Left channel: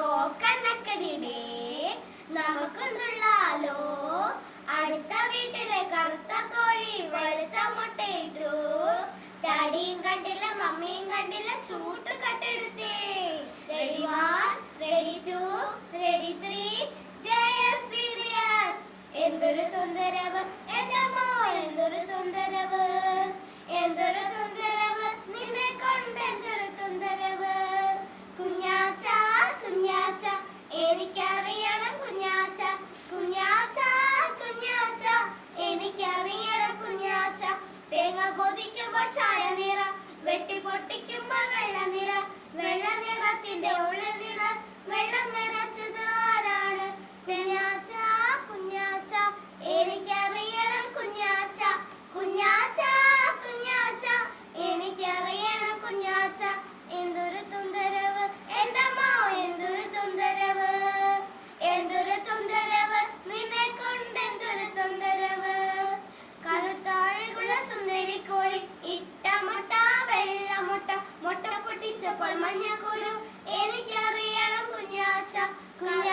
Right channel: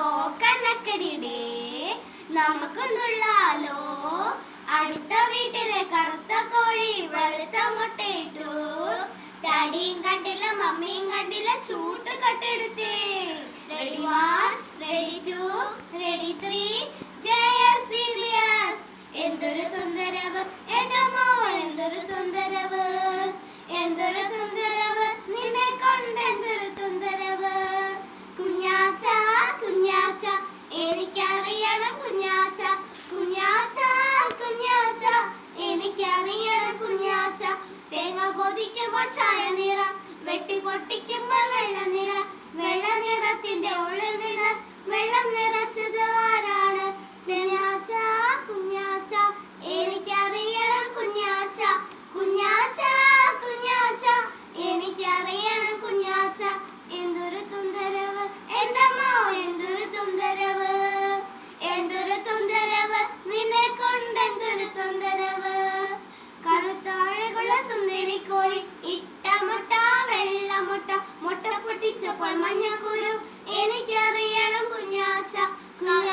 കോക്കനക്കടിയുടെ നമുക്കൊന്നുള്ളാലോ. അടുത്ത വീട്ടിലെ കറുത്ത കോഴി വെളുത്ത മുട്ടയിട്ടു. ഡാഡിയും കണ്ടില്ല മമ്മിയും കണ്ടില്ല ചൂട്ട് കട്ടെടുത്തേ. റെഡി 1 റെഡി 2 റെഡി 3 ജയശ്രീലിയസ്. എന്തൊരു തുന്തരവ് എന്നമ്മോ, എന്തൊരു തുന്തരവ്, എന്തൊരു തുന്തരവ്, നിന്നെ കൊണ്ട് എന്തൊരു തുന്തരവ്. കുഞ്ഞാച്ച കുഞ്ഞാച്ച എനിക്കറിയണം കുഞ്ഞാച്ച, കുഞ്ഞാച്ച കുഞ്ഞാച്ച എനിക്കറിയണം കുഞ്ഞാച്ച. തേങ്ങ പൊതിക്കുമ്പോൾ ചായ നിറ, വെട്ടി പൊട്ടിക്കുമ്പോൾ വെള്ള നിറ, വെള്ള നിറത്തിന്റെ ഉള്ളിൽ നിന്ന് വെള്ളം നിറച്ചത് ആരാണ്? കുഞ്ഞാച്ച കുഞ്ഞാച്ച എനിക്കറിയണം കുഞ്ഞാച്ച, കുഞ്ഞാച്ച കുഞ്ഞാച്ച എനിക്കറിയണം കുഞ്ഞാച്ച. എന്തൊരു തുന്തരവ് എന്തമ്മോ, എന്തൊരു തുന്തരവ്, എന്തൊരു തുന്തരവ്, നിന്നെ കൊണ്ട് എന്തൊരു തുന്തരവ്. കറുത്താഴകുള്ള സുന്ദരി കോഴി ഇട്ട മുട്ട വെള്ള മുട്ട, മുട്ട പൊട്ടിച്ചപ്പോൾ മഞ്ഞക്കുരു എനിക്കറിയണം കുഞ്ഞാച്ച, കുഞ്ഞാച്ച